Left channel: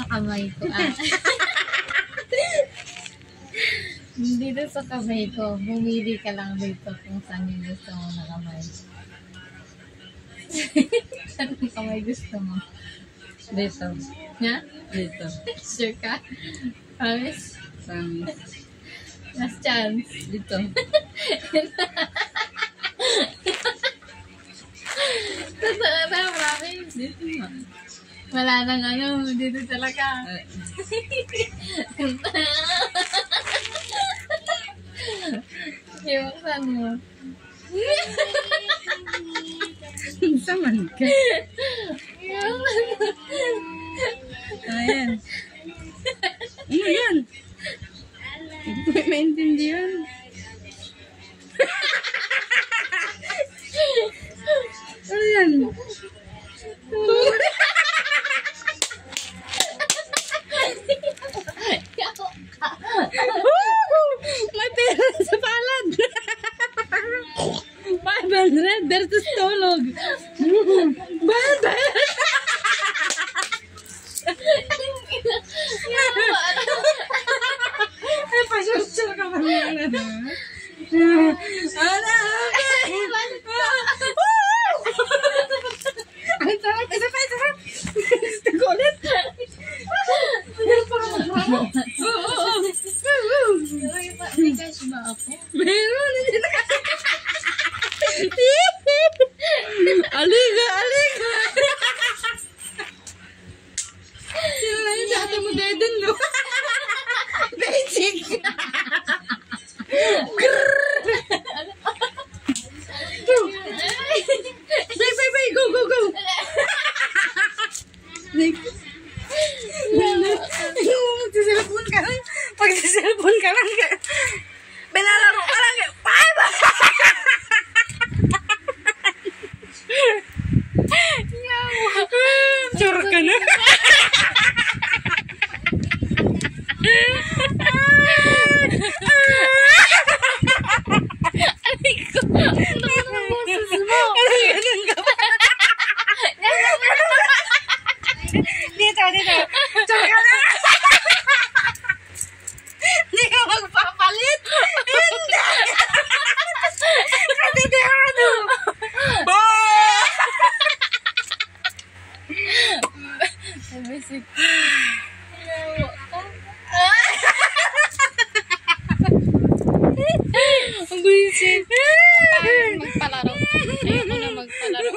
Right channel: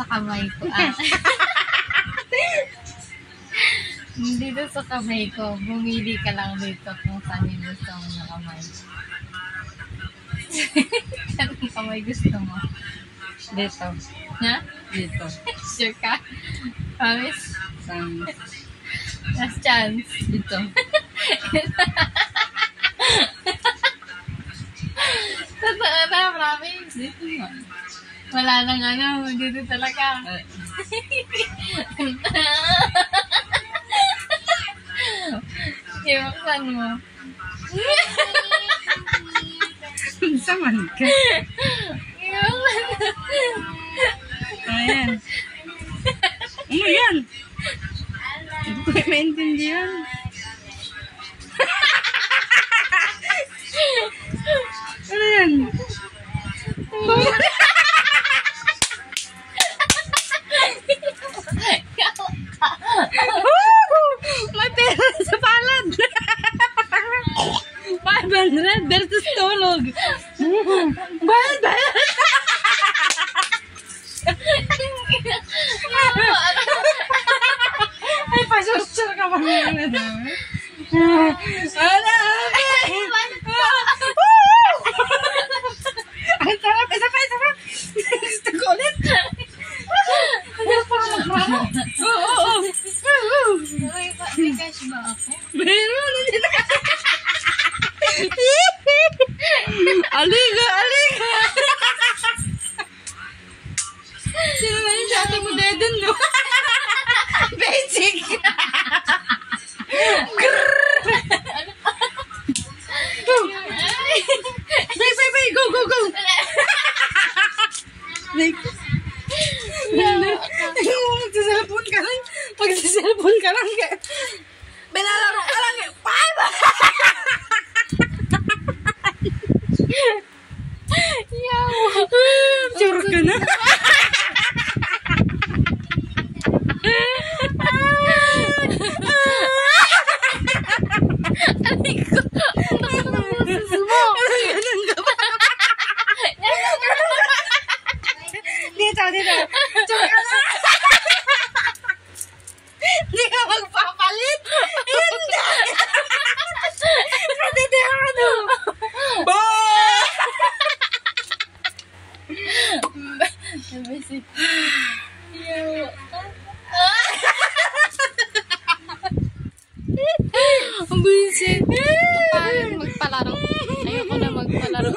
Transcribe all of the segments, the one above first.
sa kamay ko. Dito sa kamay ko. Bumili ka lang dito kung saan yung gusto mo na kamay. Saan yung kamay gusto mo? Dito. Ha? Dito. Sure ka? Promise? Last chance. Dito. Totoo na, promise. Dito nga. Wala nang ano, dito talaga. Iwaksan mo. Saman ka. Iwaksan mo. Ayan. Ano yan? Hindi ko maintindihan. Ano yan? May pera sa palad. 500 versus tulog. Bayad. Ay, pasyal ka pa naman. Ang sarap. Isa pa. Gusto ko ulit. May cash ba ako? Meron. Aliga. Sino na yung dati mo deden, no? Basic. Bay, go. Magsiselfon ka lang. Binalaro ka lang. Sure ka na. Aray ko. Ang ang boses mo. Ganun ka ba? Dito. Sure ka na. Hindi ka magpapalit. Hindi. Katitihado. Basic. Yawa ka. Ang basic. Magpalaro. Ayoko na magpalaro.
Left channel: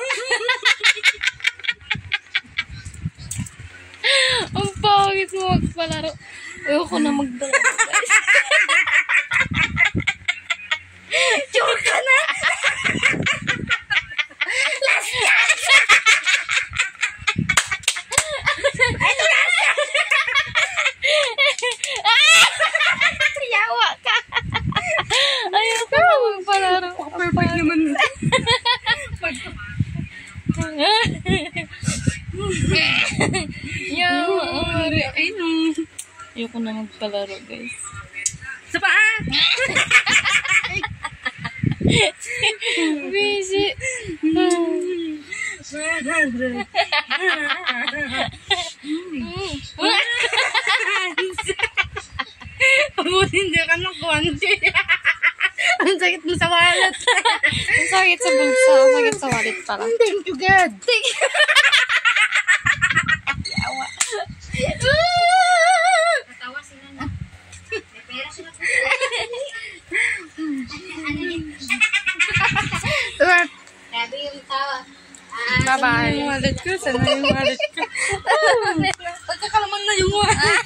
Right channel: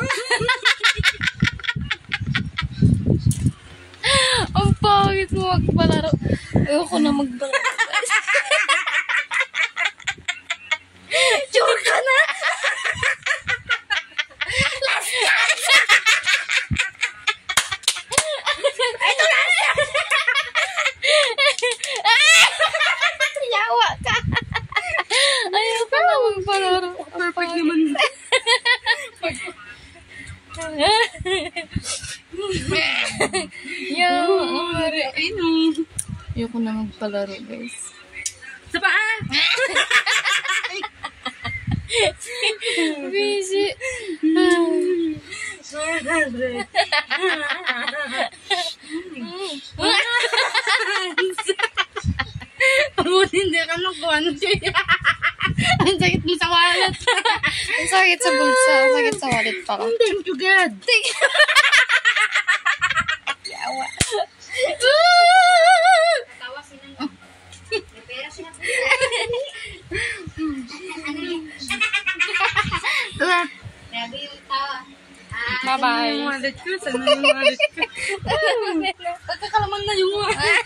Ang pangit mo magpalaro. Ayoko na magpalaro. Sure ka na. Yawa ka. Ayoko na magpalaro. Perfect naman. Yawa. Ay, no. Ayoko na magpalaro, guys. Sa paa. Busy. Mabuti hindi ka nakuha. Ang sakit mo sa wallet. Ang sakit sa bulsa. Ang sakit sa wallet pala. Thank you, God. Yawa. Natawa sila na. May pera sila po. Grabe yung tawa. Bye-bye. Yung wallet ko. Sana yung wallet ko. Pagkakalaman na yung wallet.